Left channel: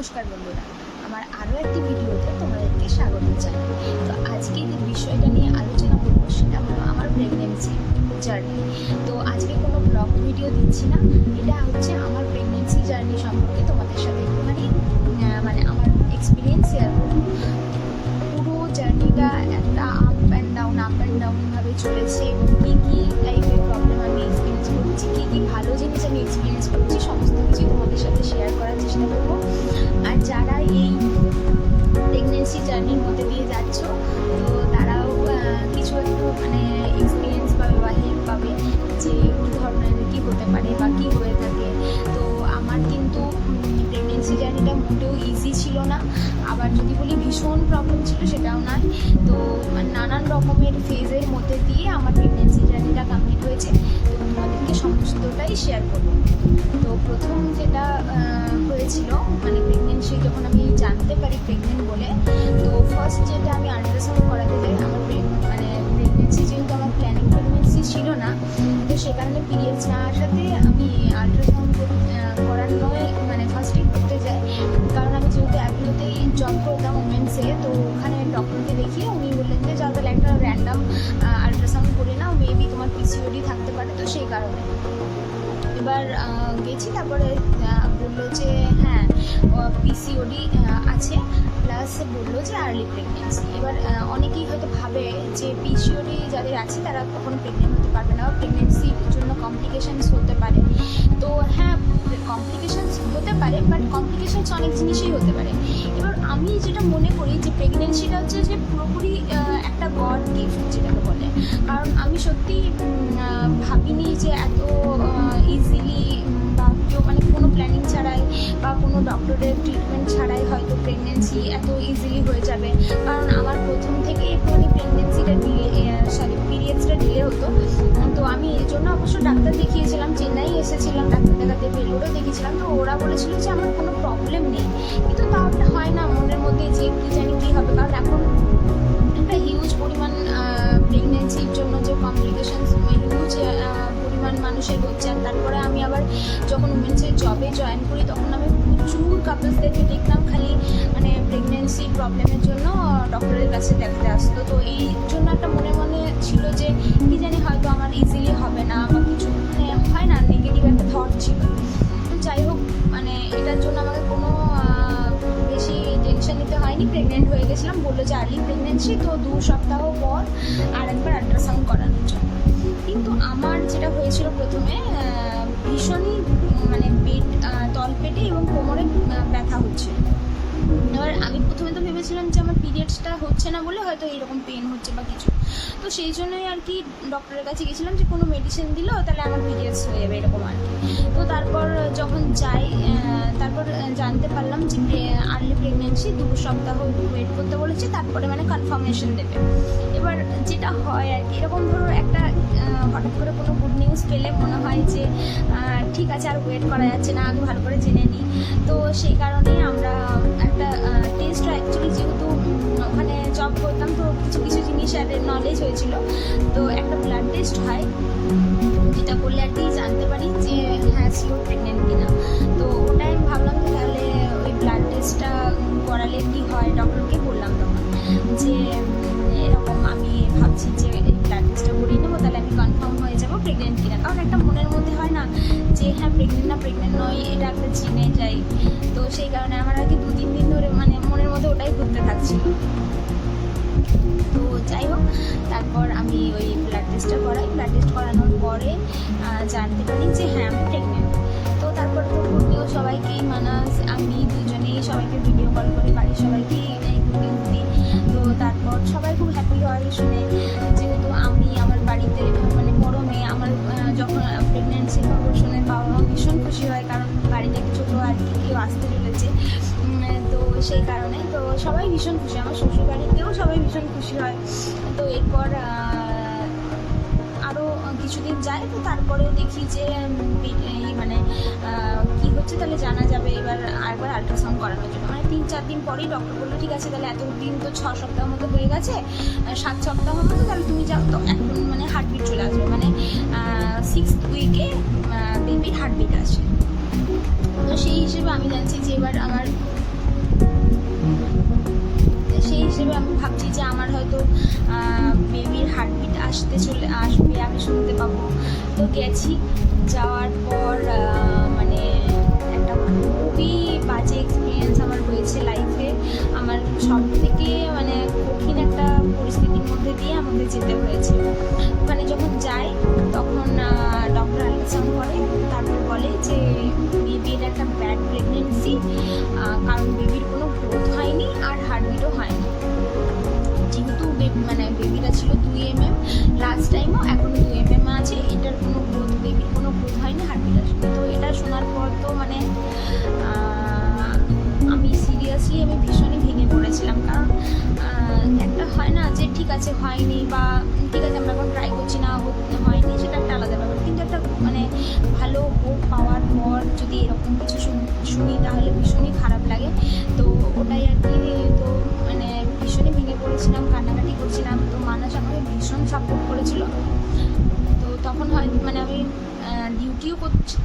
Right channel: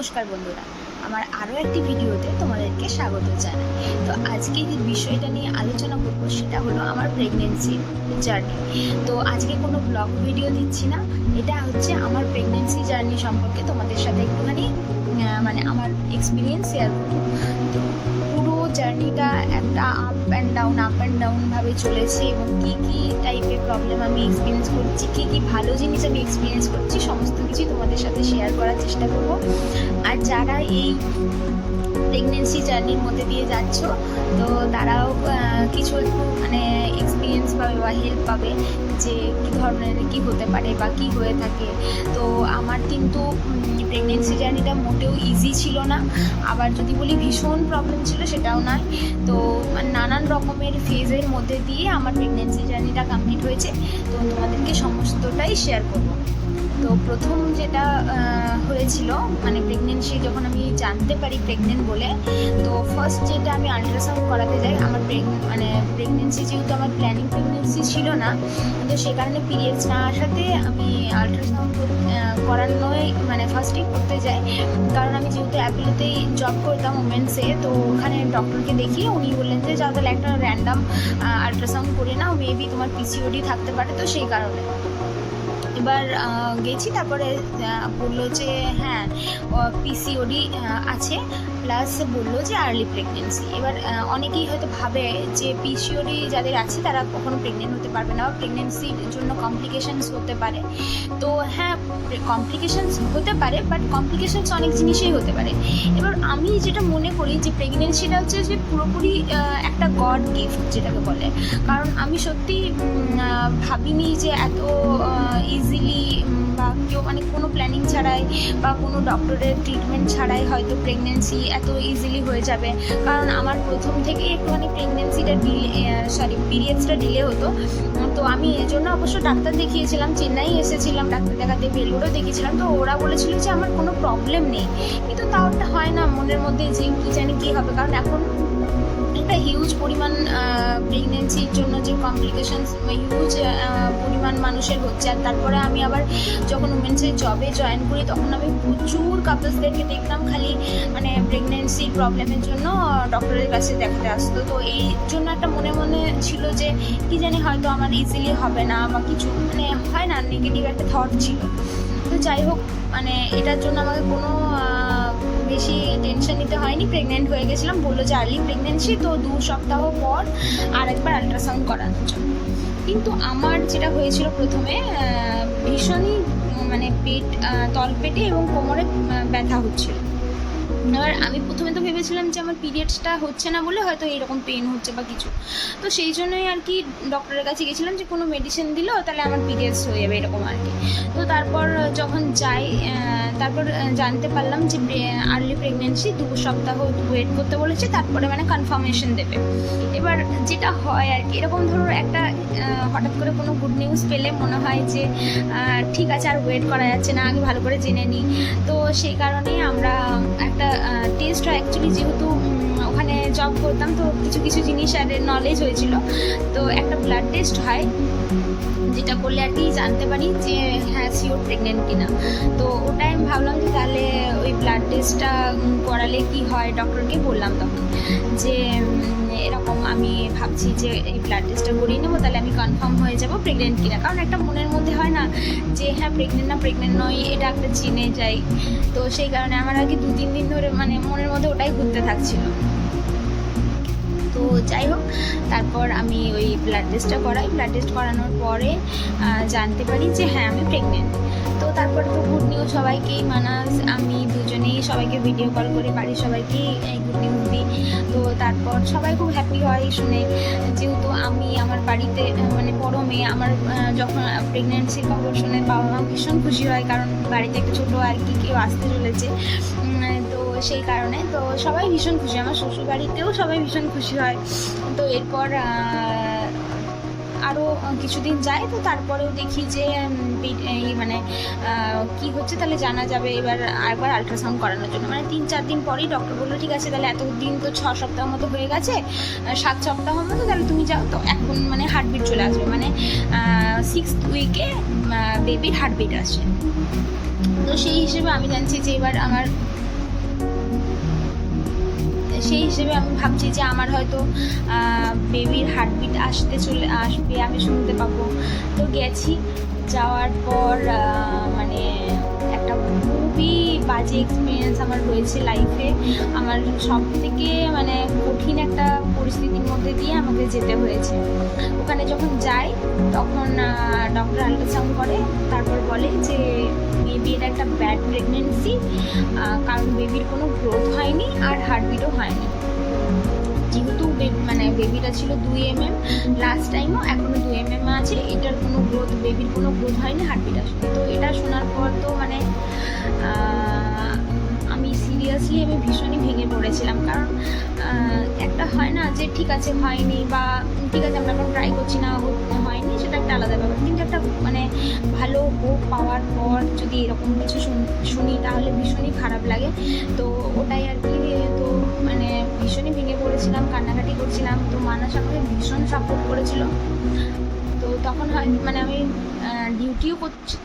নমস্কার বন্ধুরা, আমার আরও একটি ভিডিওতে তোমাদেরকে স্বাগত জানাই। তো আজকে যে বিষয়টা নিয়ে আলোচনা করব সেটা হলো আমার প্রেগনেন্সি জার্নি তো আজকে কোনো ব্লগ ভিডিও দিচ্ছি না, এটা হচ্ছে আমার প্রেগনেন্সি জার্নি সম্পর্কে তোমাদের সাথে একটুখানি মানে আমার এক্সপিরিয়েন্স শেয়ার করব। তো পুরো জার্নিটা একটা up and down up and ডাউনভাবে চলেছে এবং কী কী টাইপের প্রবলেম আমি এক্সপিরিয়েন্স করছি, কী কী ভালো জিনিস আমি এক্সপিরিয়েন্স করছি, সমস্ত কিছু তোমাদের সাথে শেয়ার করার চেষ্টা করব। যারা এই প্রেগনেন্সি জার্নির মধ্যে দিয়ে যাচ্ছ, তো তারাও কিছু একটু মানে এক্সপিরিয়েন্স পাবে বা হেল্প পাবে যে কী ধরনের, কী হতে পারে বা কী হয়ে থাকে। তো আমার কিন্তু প্রেগনেন্সি জার্নিটা মোটেও ইজি ছিল না। আবার যদি বলি ভীষণ প্রবলেম ছিল, সেটাও নয় তো নানান রকমের ফেজের মধ্যে দিয়ে আমার প্রেগনেন্সি জার্নিটা কমপ্লিট হয়েছে। তো তোমাদেরকে সমস্তটাই শেয়ার করব। তো প্রথম যেটা হয়েছিল মানে প্রেগনেন্সি যখন আমি জানতে পারি প্রেগনেন্ট বলে, তো ফার্স্ট যেটা আমি আল্ট্রাসাউন্ড করাতে যাই, আমার মানে প্রেগনেন্সি যেহেতু আমার প্ল্যানিং প্রেগনেন্সি ছিল না, তো সে কারণে পিরিয়ডস না আসাতে আমি আল্ট্রাসাউন্ড করানোই মানে ফার্স্টেই করতে যাই। কারণ আমি যেহেতু অ্যাপিলোতেই জব করতাম ওমেন্সে তো ওখানে ডক্টরকে দেখিয়ে উনি বললেন যে, যাও তাহলে একটা র্যান্ডাম আল্ট্রাসাউন্ড করে নাও মেবি তোমার পিসিওডি থাকতে পারে, তো সেই কারণে। এবার গেছি। তারপরে বলল যে হ্যাঁ পিসিওডি আছে। প্লাস বলল যে আর্লি প্রেগনেন্সি এবার অনেকেই হয়তো ভাবে যে পিসিওডি যাদের আছে, তারা কখনো প্রেগনেন্ট হতে পারবে না বা প্রেগনেন্সির জন্য কমপ্লিকেশানস হতে পারে। তো হ্যাঁ কমপ্লিকেশানস হতে পারে বাট কমপ্লিকেশানস অনেক জিনিসই হতে পারে। এবার আমি যেটা মনে করি যে প্রেগনেন্সিটা হচ্ছে যে, পুরোপুরি একটা গড গিফট যেটাকে বলে। কারণ আমি সত্যি ভাবিনি যে এত ইজিলি বা কেউ মানে কোনো প্ল্যানিং ছাড়াই বা কোনো ডক্টরের ট্রিটমেন্ট ছাড়াই হয়তো প্রেগনেন্সি এত ইজিলি হয়ে যাবে। কারণ আমার প্রথম থেকেই একটুখানি প্রেগনেন্সিটা ডিলে সরি পিরিয়ডসটা ডিলে হতো। তো আমি এই জন্য অবশ্য ডাক্তার দেখিয়েছিলাম, চেন্নাই এসেছিলাম ডাক্তার দেখাতে বেলুরও দেখিয়েছিলাম। তো ওরা বলেছিল যে আমার কোনো প্রবলেম নেই। কিন্তু তাও হয় না মনের মধ্যে যে কী জানি কী হবে। কারণ এখন একটা হিউজ পরিমাণ প্রেগনেন্সির জন্য কমপ্লিকেশনস হিউজ পরিমাণ মানুষের হচ্ছে। আর তারপরে আমি আবার যখন উমেন্সের জবে জয়েন করি, তখন আমি প্রচুর কাপলসদেরকে দেখতাম খালি মানে প্রেগনেন্সির প্রবলেমের জন্য ডক্টরের কাছে দেখাতে আসতো। তো এই জন্য একটা মনে মনে ছিল যে, কি জানি হয়তো আমার ইজিলি হবে না বা কিছু মানে হয় না নেগেটিভ একটা থট ছিল। তো যাই হোক মানে এটার জন্য আমাকে কোনো বেশি টেনশন নিতে হয়নি প্রেগনেন্ট হয়ে গেছিলাম, বলল যে আর্লি প্রেগনেন্সি তো দু সপ্তাহ পর আর একবার আল্ট্রাসাউন্ড করানোর জন্য। কিন্তু আমার যেটা হয়েছিল প্রথমে ভীষণই মানে পেট তলপেটে এবং কোমরে ব্যথা হচ্ছিল। এবার আমি প্রথমে তো ভেবেছিলাম যে আমার পিরিয়ডসটা হচ্ছে না বলে হয়তো এইরকম পেন হচ্ছে বা কিছু। তো সেই জন্যই আর কি ডক্টরের কাছে গেছিলাম যে কোনো মেডিসিন দিল, তাহলে আমার পিরিয়ডস হয়ে যাবে এরকম আর কি। তো তারপর যখন যাই তারপর জানতে পারলাম যে আর্লি প্রেগনেন্সি দু সপ্তাহ ওয়েট করতে বলেছে, তারপরে মানে কনফার্মেশন দেবে। এবার যেটা হয় আর কি, এরকম ধরো একটা হঠাৎ করে কোনো গুড নিউজ পেলে মনে হয় যে ঠিক আছে আর ওয়েট করা যাচ্ছে না, আগে ভালো করে জেনে নিই। তো সেই কারণে আমরা একটা টেস্ট হয় অ্যাকচুয়ালি যেহেতু ওখানে জব করতাম তো কিছু কিছু জিনিস আর নলেজ হয়েছিল। তো একটা ব্লাড টেস্ট হয়। যেটা করলে আর কি জানতে পারি যে হ্যাঁ শিওর প্রেগনেন্ট কিনা। তো ওটাই আমি ভাবলাম যে তাহলে ওই ব্লাড টেস্টটা করালে কি হয়? ডক্টরকে বললাম তখন যে, এরকম আমি ভাবছি যে এই ব্লাড টেস্টটা করিয়ে নেব, তাহলে আমি কনফার্ম হয়ে যাব প্রেগনেন্ট কিনা। কারণ একটা মনের মধ্যে হয় না যে হ্যাঁ প্রেগনেন্ট না প্রেগনেন্ট নয়, এটা একটা চিনে যাই। তো সেই কারণে আমার আগে দু তিন দিন ধরে মানে মনের মধ্যে ওটাই ঘুরতে থাকছিল। তো যাই হোক, তারপর আমি ওই ব্লাড টেস্টটা করাই। ব্লাড টেস্ট করানোর পরে জানতে পারি যে হ্যাঁ আমি প্রেগনেন্ট তো তারপর তো গুড নিউজ সবাইকেই মানাস। আমি দুজনেই সবাইকে ভিডিও কল করে, বাড়ির সবাইকেই এই গুড নিউজ দিই। তো তারপর সবাই খুব হ্যাপি হয় শুনে। যেহেতু আমি আমার বাড়িতে মানে বড় মেয়ে, আমার যখন প্রেগনেন্সির খবর শুনে বাবা মা ভীষণ খুশি হয়। কারণ বাড়িতে একটা ছোটো আর কি কেউ আসতে চলেছে। সেই কারণে। তো সবাই ভীষণ খুশি। আমার শ্বশুর বাড়িতেও সবাই ভীষণ খুশি হয়। তো এরপর আরও কিছুদিন যায়, তো তারপরেও দেখি যে এই মানে কি হচ্ছে তাহলে জানা যাবে। এবার আরেকবার আলট্রাসাউন্ড করানোর জন্য। মানে তিন চার দিন পরেই ডক্টর বলল, ঠিক আছে, তাহলে এতদিন তো ছ সপ্তাহ মতো হয়ে গেছে সাত সপ্তাহ মতো, তাহলে তুমি যাও। তো এখন মানে হার্টবিট চলে আসবে। মানে সিক্স উইকে বেবির হার্টবিট আসে তো সেই হিসেবে আমি জানছি যে এবার আমার সেই হিসেবে আমি ভাবছি যে আমার হয়তো বেবির হার্টবিট আসতে চলে, আসবে, আমি শুনতে পাবো। তো গেছি, যাওয়ার পর বাজে এক্সপিরিয়েন্স আমার হয়েছে লাইফে আমার সব থেকে মানে কঠিন একটা পরিস্থিতির মধ্যে দিয়ে আমাকে যেতে হয়েছে। ওখানে যখন যাই, তখন ডক্টর আল্ট্রাসাউন্ড করে। তারপর বলে যে বেবির একটা ব্যাড প্রেগনেন্সি কারণ বেবির কোনো গ্রোথ হয়নি আর হার্টবিটও হয়নি। যেহেতু মানে বেবিটা ছিল দুই এম এম লাস্ট টাইমও এখনও দুই এম এম আছে। এটার কোনো গ্রোথ বেবির কোনো গ্রোথ হয়নি হার্টবিট আসবে তো এটা শোনার পর তো মানে সিরিয়াসলি আমি ভীষণই ভেঙে পড়েছিলাম। কারণ একটা হয় না যে ঠিক আছে হয়নি বা ঠিক আছে আমরা এখন ট্রাই করছি না হয়নি সেটা একটা আলাদা ব্যাপার। কিন্তু একটা মানে ভালো হোপ পাওয়ার পর যদি এরকম কিছু শুন- তাহলে ভীষণই খারাপ লাগে। তো ওটাই আর কি, তো মানে ভীষণই ভেঙে পড়েছিলাম, কান্নাকাটি করছিলাম। তো মানাস আমাকে ভীষণ সাপোর্ট করেছিল। তখন হয় মানে আমি ডিউটিও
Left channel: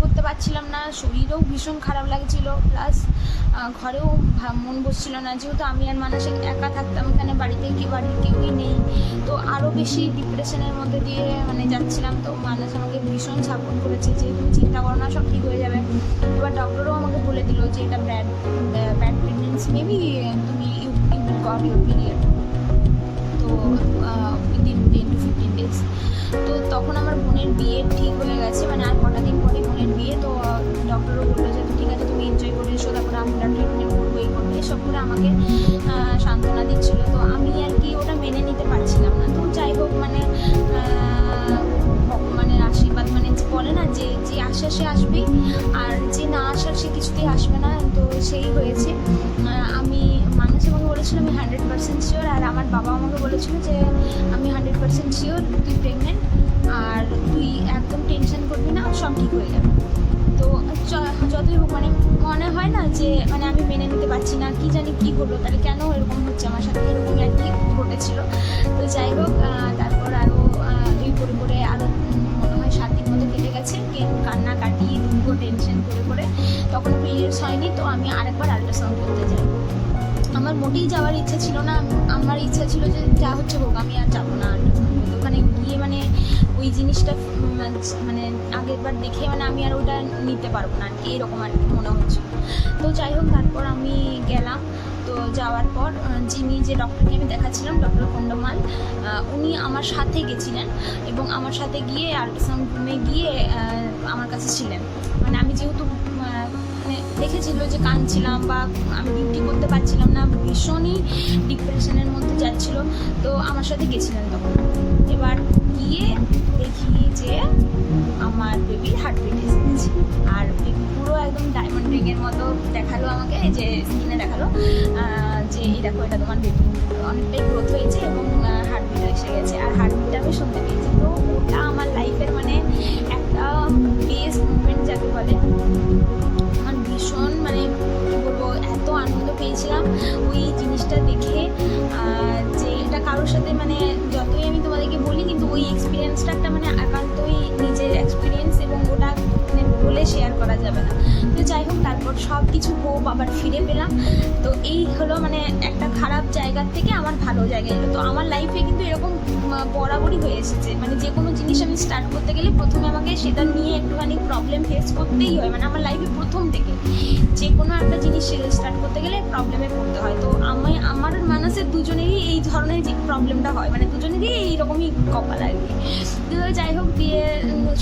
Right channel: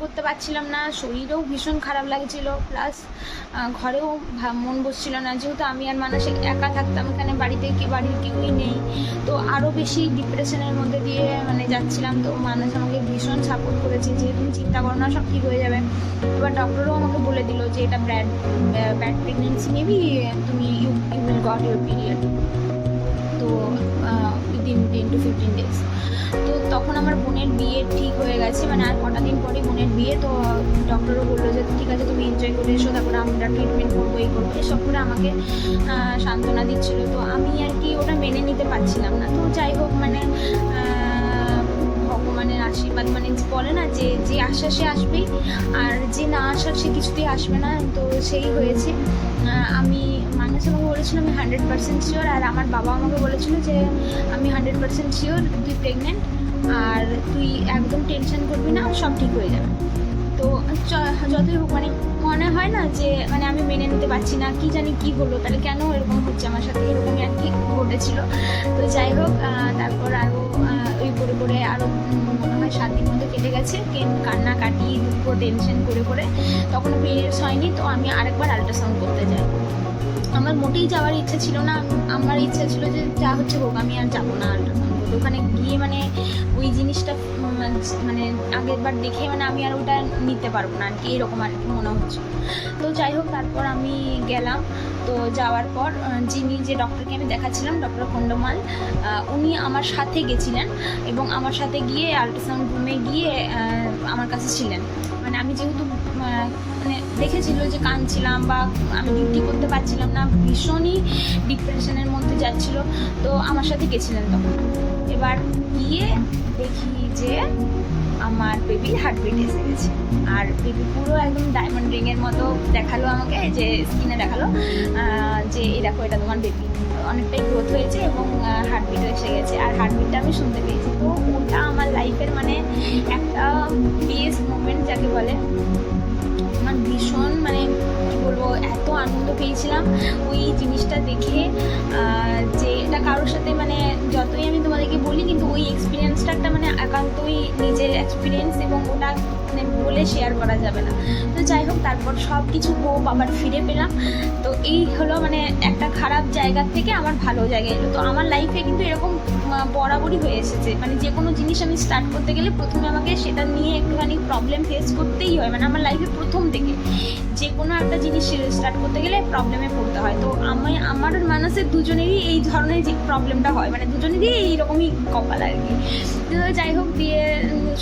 করতে পারছিলাম না, শরীরেও ভীষণ খারাপ লাগছিল প্লাস ঘরেও মন বসছিল না, যেহেতু আমি আর মানসে একা থাকতাম, এখানে বাড়িতে কি বাড়ির কেউই নেই, তো আরও বেশি ডিপ্রেশনের মধ্যে দিয়ে মানে যাচ্ছিলাম, তো মানুষ আমাকে ভীষণ সাপোর্ট করেছে, যে তুমি চিন্তা করো না, সব ঠিক হয়ে যাবে। এবার ডক্টরও আমাকে বলে দিল যে এটা ব্যাড ব্যাড প্রেগনেন্সি মেবি তুমি you you will got your period তো তো তখন আমার বোনের বিয়ে ঠিক হয়ে গেছে মানে আর কটা দিন পরে বোনের বিয়ে, তো ডক্টরও বলল যে ঠিক আছে, তুমি এনজয় করে এসো, তারপরে আমরা ট্রিটমেন্ট করব, এই করব, এসব করে আমাকে সান্ত্বনা দিচ্ছিল। তো আমি আর কি ওটা মেনে নিতে পারছিলাম না। তো যাই হোক মানে আশীর্বাদ মানে বলে না যে যে আসা সে আসবেই, আর যে না আসার সে কিছুতেই আসবে না, তো সেই হয়েছে। আমি মানুষ আমাকে বলেছিল, আমি হান্ড্রেড পার্সেন্ট শিওর আর আমার বাবা আমাকে বলেছিল যে, আমি হান্ড্রেড পার্সেন্ট শিওর তুই প্রেগনেন্ট আর তুই একদম টেনশন করবি না, সব ঠিক হয়ে যাবে। তো যতই হোক মানে মনে হয় না যে মানে আমি মেনে নিতে পারছি না, কি জানি কি হলো, তাহলে কেন এরকম হচ্ছে আমার সাথে, এরকমই আর কি ঘটেছিল। তো যাই হোক তারপর আরও ওই করে করে আরও মনে হয় সাত দিন মতো কেটে গেছে। কান্না কাটি দুঃখ টেনশন করে করে তখন পিরিয়ডস হয়নি, তো আমি আরেকবার আল্ট্রাসাউন্ড করতে যাই। আমার মোটেই যাওয়ার ইচ্ছা ছিল না। আমার ইচ্ছা ছিল যে যা হচ্ছে হোক, আমি আর যাব না আল্ট্রাসাউন্ড করতে। ওখানে গিয়ে মানে ওই জিনিসটা মানে আগের বার দেখে মানে আমি আর ওটা নিতে পারব না। আর কি এরকম আর কি মনে হচ্ছে তো যাই হোক, তারপর আমি গেলাম। তো যাওয়ার পর যিনি যে ডক্টরকে আমি দেখাচ্ছিলাম ডক্টর খন্ডমাল উনি আমার সাথে গেছিলেন এবং আমার সাথে গিয়ে আল্ট্রাসাউন্ড রুমে গিয়ে আমার কাছে ছিলেন। মানে আমি যেহেতু মানে দেখেছিল যে কাঁদছিলাম বা আমি ডিউটি করতে পারছিলাম না, ভীষণই ডিপ্রেশনের মধ্যে যাচ্ছিল। তো আমার সাথে গেছিলেন তখন। এবার গিয়ে দেখি যে আমার বেবির হার্টবিট এসে গেছে। আর বেবি পুরো একদম ডায়মন্ড রিংয়ের মতো দেখাল আমাকে, যে স্কিনে দেখাল যে এই দেখো, এটা তোমার বেবি অনেকটাই গ্রোথ হয়েছে এবং হার্টবিটও এসে গেছে। আর হার্টবিটটা আমি শুনতে পেয়েছি। তো ওটা আমার লাইফের মানে একটা বেস্ট মোমেন্ট যাকে বলে আমার ভীষণ মানে বলব, এত আনন্দ পেয়েছিলাম ওই জিনিসটা দেখে। যে এটা কারোর সাথে মানে যতই আমি তোমাদেরকে বলি, কিন্তু ওই এক্সপিরিয়েন্সটা একটা মানে একান্তই নিজের এক্সপিরিয়েন্স এবং ওটা মানে বলে শেয়ার করা যাবে না। তো যাই হোক, তারপর সব কিছু হোপ আবার ফিরে পেলাম। তো এই হলো মানে একটা খারাপ জায়গার থেকে আমার ভালো জায়গায় এলো। তো আমার লাইফে কিন্তু এরকম বরাবরই হয়ে এসেছে। মানে যে কোনো জিনিস আমি স্টার্ট করতে গেলে প্রথমে আমাকে সেটা নিয়ে একটুখানি প্রবলেম ফেস করতেই হয়। মানে আমার লাইফে প্রথম থেকে যে কোনো একটা জিনিস স্টার্ট করতে গেলে প্রবলেমে পড়তে হয়। তো আমি, আমার মানুষের দুজনেরই এই ধরনের প্রবলেমটা হয়। মানে দুজনেরই এইরকমই কপাল আর কি। তো যাই হোক দিয়ে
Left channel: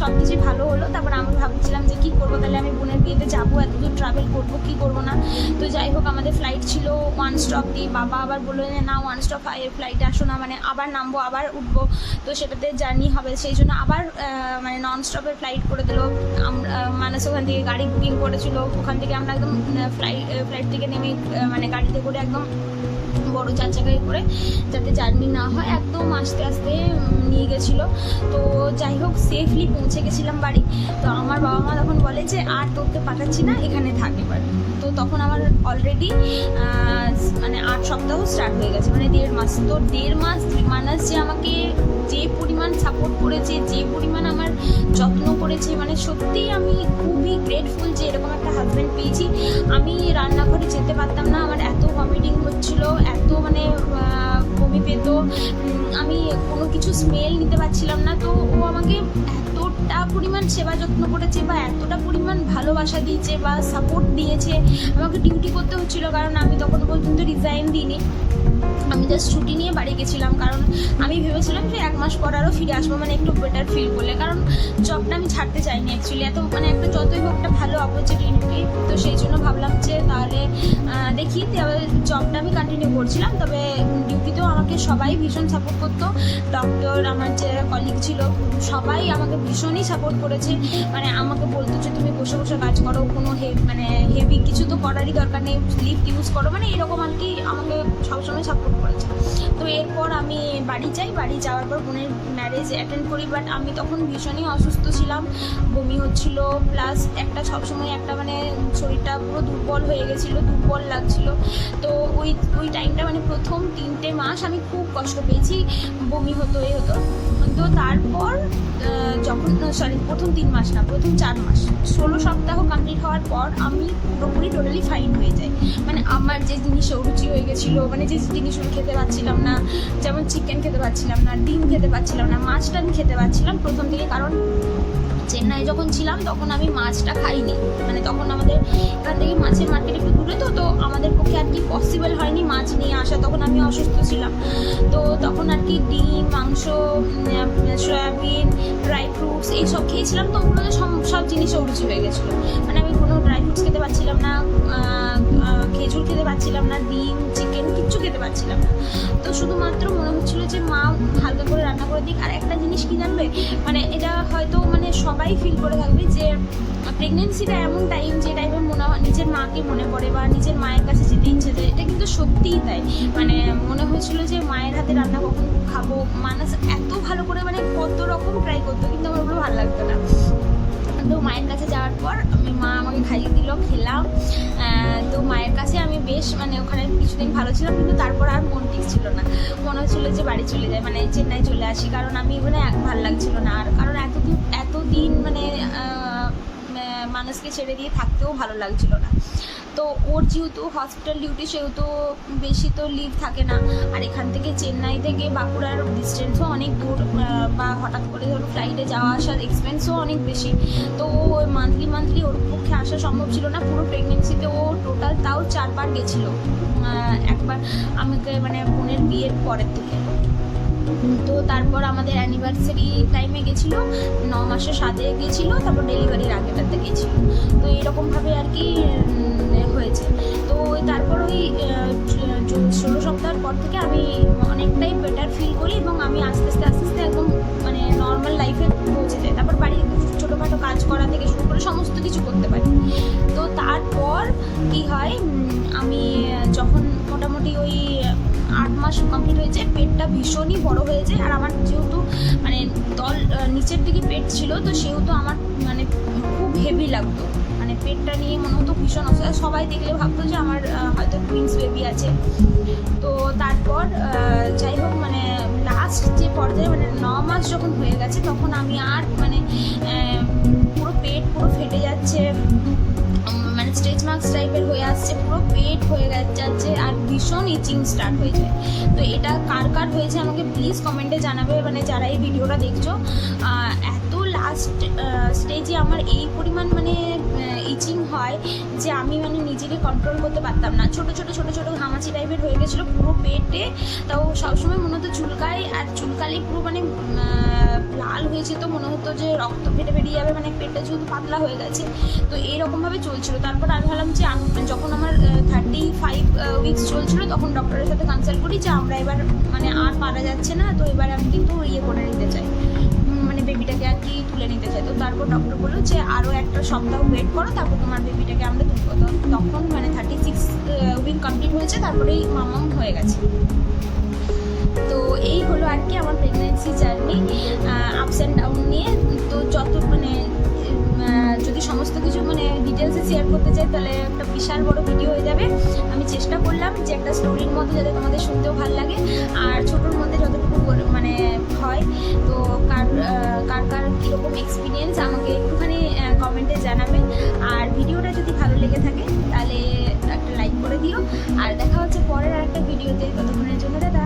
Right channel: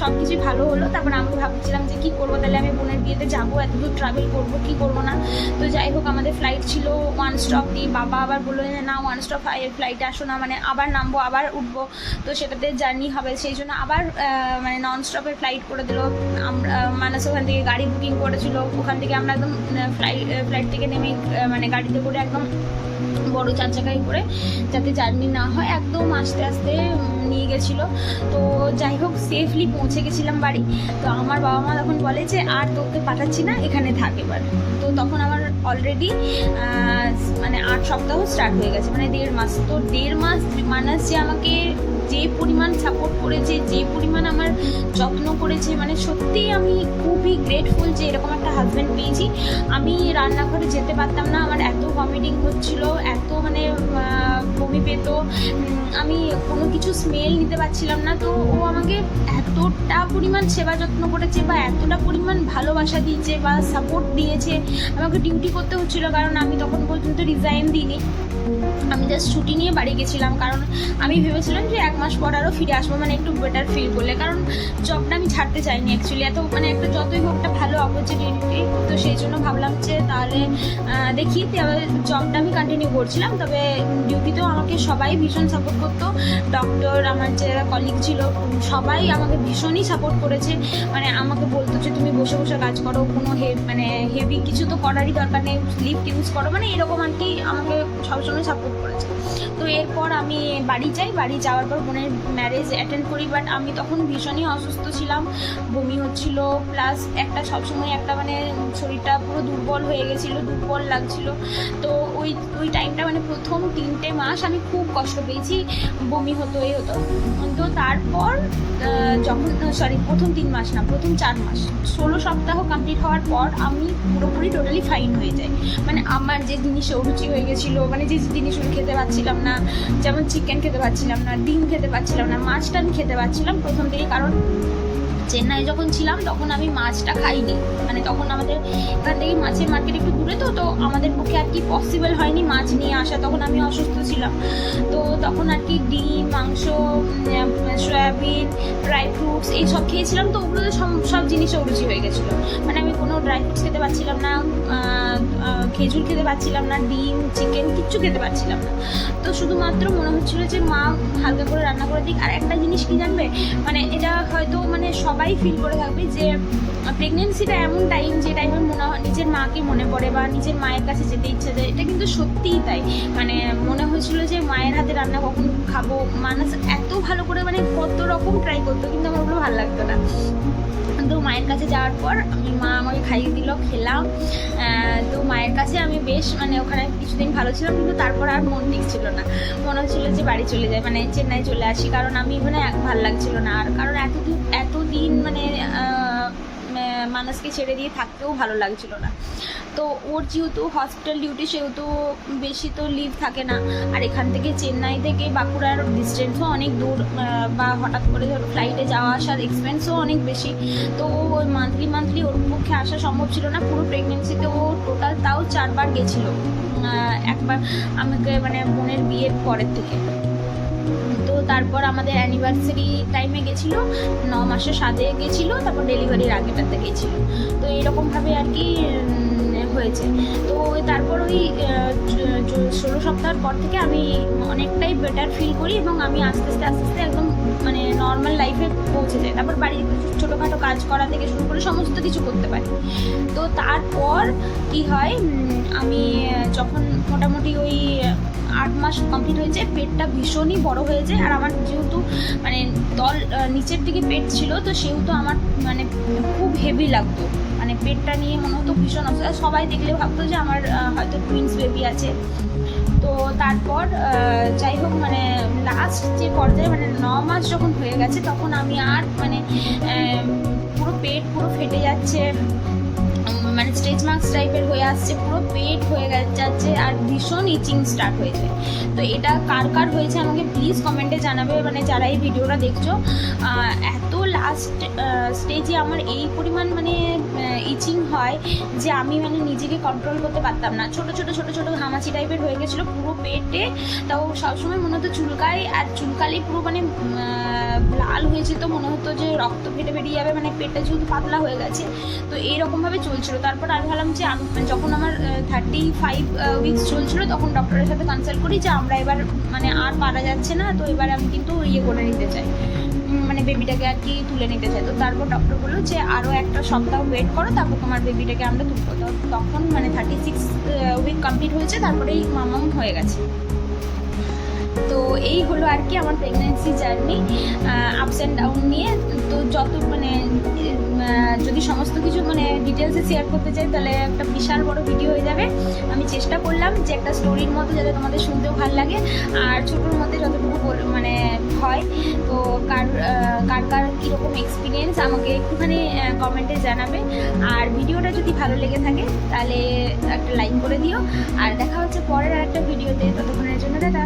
সব কিছুই ভালো হলো। তারপর আমি ভাবছিলাম যে কী করব, তাহলে আমি বোনের বিয়েতে যাব, এত দূর ট্রাভেল করব, কী করব না? তো যাই হোক, আমাদের ফ্লাইট ছিল ওয়ান স্টপ দিয়ে বাবা আবার বলল যে, না ওয়ান স্টপ ফ্লাইটে আসো না মানে আবার নামবো, আবার উঠবো। তো সেটাতে জার্নি হবে, সেই জন্য আবার মানে নন স্টপের ফ্লাইট করে দিল। আমরা মানুষ ওখান থেকে গাড়ি বুকিং করেছিল। ওখান থেকে আমরা একদম ফ্লাইট ফ্লাইট থেকে নেমে মানে গাড়িতে করে একদম বড় চার চাকায় করে যাতে জার্নি না হয়, একদম আস্তে আস্তে নিয়ে গেছিল। তো যাই হোক সেফলি পৌঁছে গেছিলাম বাড়ি। তো আমার বাবা মা তখন বলে যে, আর তোকে পাঠাচ্ছি না, এখানে থাক এবার। তো তখন আমার অলরেডি মানে আট সপ্তাহ স্টার্ট হয়ে গেছে মানে দেড় মাস। তো দেড় মাস মানাস যে আমাকে যে পরিমাণ সাপোর্ট করেছে, যে পরিমাণ আমার যত্ন করেছে মানে সত্যিই আমি খুবই গ্রেটফুল যে এরকম একটা হাজব্যান্ড পেয়েছি। আমি রান্নাঘরে যেতে পারতাম না, আমার এত ভমিটিং হচ্ছিল, এত মানে বমি পেত। আমি কোনো কিছু স্মেল নিতে পারছিলাম না, তো ও আমাকে এতটা পরিমাণ সেবা যত্ন করেছে বা এতটা পরিমাণ ভালোবাসা দিয়েছে বা সাপোর্ট দিয়েছে। আমাকে ডিউটি করতে হচ্ছিল, কারণ আমি তখন পর্যন্ত রিজাইন দিইনি। আমি জাস্ট ছুটি নিয়ে বাড়ি গেছিলাম, কারণ আমি ভেবেছিলাম যে এক মাস পর আরও ফিরে আসব মানে একটু বেটার ফিল করলে। কারণ জবটা আমি ছাড়তে চাইনি অ্যাকচুয়ালি এত মানে একটা যতই হোক একটা ভালো অপরচুনিটি তো সেই জন্য ভাবলাম যে তাহলে দেখি জবটা আমি কন্টিনিউ করছিলাম, তবে ডিউটিতেও আমাকে সবাই ভীষণ সাপোর্ট করতো। ডক্টর আমার যে কলিগ ছিল, সবাই আমাকে ভীষণই সাপোর্ট করেছে। মানে আমাকে বলতো যে তুমি বসে বসে কাজ করো, কোনো হে মানে হেভি কিছু তো করারই দরকার নেই লিফট ইউজ করো মানে এরকম আর কি আমাকে সবসময় সাপোর্ট করেছে। তো এরপর আমি বাড়ি যাই, বাড়ি যাওয়ার পর বোনের ম্যারেজ অ্যাটেন্ড করি বাট আমি তখন ভীষণই অসুস্থ ছিলাম, বমি হচ্ছিল প্লাস একটা সবসময় একটা মানে শরীরটা পুরো দুর্বল হয়ে গেছিল, দুর্বল লাগছিল। তো ওই ওই টাইমটা মানে প্রথম তিনটে মাস আমি খুব কষ্ট পেয়েছি, বমি হতো এই হতো। তো তারপর যখন সরি প্রথম তিন মাস না, প্রথম চার মাস, ষোলো সপ্তাহ কমপ্লিট হওয়ার পর আমি পুরোপুরি টোটালি ফাইন হয়ে যাই। মানে আমার যে জিনিসে অরুচি হয়ে গেছিল মানে যে জিনিস খেতে পারছিলাম না, যেমন চিকেন খেতে পারছিলাম না, ডিম খেতে পারছিলাম না মাছটা খেতে পারছিলাম প্রথম থেকে কারণ চেন্নাই যখন ছিলাম, তখন আমি মাছটা খাইনি। মানে তখন আমাদের এখান থেকে মাছের মার্কেট একটু দূরে তো তো আমাদের পক্ষে আর কি পসিবল হয়নি মাছ নিয়ে আসা। তখন আমি অসুস্থ ছিলাম। তো তখন আর কি ডিম, মাংস সয়াবিন ড্রাই ফ্রুটস এইসব খেয়েছিলাম। তো ওগুলো সব সব জিনিসে অরুচি হয়ে গেছিল। মানে আমি কোনো ড্রাই ফ্রুটস খেতে পারছিলাম না খেজুর খেতে পারছিলাম না, ডিম কিচ্ছু খেতে পারছিলাম না। তো শুধুমাত্র মনে হচ্ছিল যে, মা হালকা করে রান্না করে দিক। আর একটা জিনিস কি জানবে? মানে এটা হয়তো মানে সবাই ফিল করে থাকবে যে প্রেগনেন্সিটা এমন টাইম যে টাইমে মনে হয় নিজের মাকে মনে পড়ে বা নিজের মায়ের কাছে যেতে ইচ্ছে যায় এটা কিন্তু সত্যিই তাই। মানে মনে হয়েছিল যে, মায়ের হাতে রান্না কখন খাব? মানুষ এত ভালো করে মানে কত রকম ট্রাই করতো, কিন্তু আমার ওগুলো ভালো লাগতো না। তো মায়ের কাছে যাওয়ার পর আমি মা আমাকে খাইয়ে দিল, খেলাম। তো মায়ের কাছে আমি বেশ মানে ওখানে কিছুদিন ভালো ছিলাম, কিন্তু তারপর আর মন ছিল না। মনে হচ্ছিল যে বাড়ি চলে যায় মানে চেন্নাই চলে আসি, কারণ আমি মানে ভালো লাগছিল না। আর কারণ এতদিন এতদিন মানে মানুষকে ছেড়ে দিয়ে থাকতেও ভালো লাগছিল না। তো ওর যেহেতু হসপিটাল ডিউটি সেহেতু বেশি তো লিভ থাকে না। আর এখান থেকে চেন্নাই থেকে বাঁকুড়ার ডিস্টেন্সও অনেক দূর বা হঠাৎ করে ধরো ফ্লাইটে যাওয়া আসার এক্সপেন্সও অনেক বেশি। তো ওই মান্থলি মান্থলি ওর পক্ষে আসা সম্ভব ছিল না। পুরো প্রেগনেন্সিতে ও টোটাল তাও চারবার গেছিল। একবার আমাকে মানে বোনের বিয়ের পরের থেকে। তো তারপর আমাদের অ্যানিভার্সারি টাইমে গেছিল, ন মাসের সাথে গেছিল, তারপর ডেলিভারির আগেটাতে গেছিল। তো এরকমভাবে আর কি হয়েছে। তো তারপর ওই ষোলো সপ্তাহের পর থেকে আমি অনেকটাই বেটার ফিল করি এবং আমি আস্তে আস্তে আস্তে আস্তে একদম মানে নর্মাল লাইফে পৌঁছে যাই। তারপর বাড়ির ছোটোখাটো কাজ করা থেকে শুরু করে সমস্ত কিছু করতে পারি। তো তারপর কি হয় আমি যখন মোটামুটি ওই আট মাস কমপ্লিট হয়েছে, পেটটা ভীষণই বড় হয়েছে, আর আমার যেহেতু মানে দল নিচের দিকে পেট ছিল, তো সেহেতু আমার মানে খুব হেভি লাগতো। মানে পেটটা নিয়ে মনে হতো ভীষণ অসুবিধা সবাই দেখলে ভাবতো যে আমার হয়তো টুইন্স বেবি আছে। তো তারপর যাই হোক মানে লাস্ট যে পর্যায়ে মানে ন মাস যখন হয়ে গেছে, তখন আমি আর মানে পুরো পেট পুরো ফেটে যাচ্ছে। মার্কস টাইপের হয়ে আসছে, পুরো পেট হয়ে যাচ্ছে আর ভীষণ ইচিং স্টার্ট হয়েছে। তো এটা কার কার হয়েছে আমাকে প্লিজ কমেন্টে জানাবে মানে যারা এই ভিডিওটা দেখছ লাস্ট স্টেজে আমার এই পরিমাণ মানে ইচিং হয় যে আমি মানে নিজেকে কন্ট্রোল করতে পারতাম না। ছোট ছোট ছোট ছোট ঘামাচি টাইপের হয়ে গেছিল পুরো পেটে। তাও সবসময় মনে হতো চুলকাই আর চুলকালেই পুরো মানে লাল হয়েছে তো মনে হতো যে রক্ত ফেটে বেরিয়ে যাবে মানে পেটটা যেহেতু পাতলা হয়ে গেছে। তো এইরকমভাবে চলছিল। তারপর আমি ভাবলাম যে যখন আমার থার্টি ফাইভ উইকস চলছিল, তখন ডক্টরের সাথে কনসাল্ট করি যে আমরা এবার মানে আর পারা যাচ্ছে না, তো এবার আমি কিন্তু ইয়ে করে নিতে চাই। মানে বেবিটাকে আর কি তুলে নিতে চাই তো তারপর ডক্টর বলল যে আরও একটা সপ্তাহ ওয়েট করো, তারপর তোমার বেবিটাকে আমরা তুলবো। তো তখন মানে থার্টি সিক্স উইক কমপ্লিট হয়েছে, তারপরেই মামাম হয়ে গেছে। তো এই হলো আর কি আমার pregnancy journey ups and down নিয়ে। তো যত মানে যদি সমস্ত কিছু মানে ডিটেলসে শেয়ার করতে চাই, তাহলে একটা বিশাল বড় ভিডিও হয়ে যাবে। আমি চেষ্টা করলাম যে একটা স্টোরির মধ্যে যাতে তোমাদের শুনতেও ভালো লাগে। আর ছোটোর মধ্যে যতটুকু মানে হয়, তো কার কার কার কীরকম এক্সপিরিয়েন্স আমাকে একটুখানি কমেন্টে জানাবে। আর ভিডিওটা যদি ভালো লেগে থাকে, তাহলে একটা লাইক করে দিও। আর দেখা হচ্ছে পরের আর একটা ভিডিওতে ততক্ষণের জন্য দাদা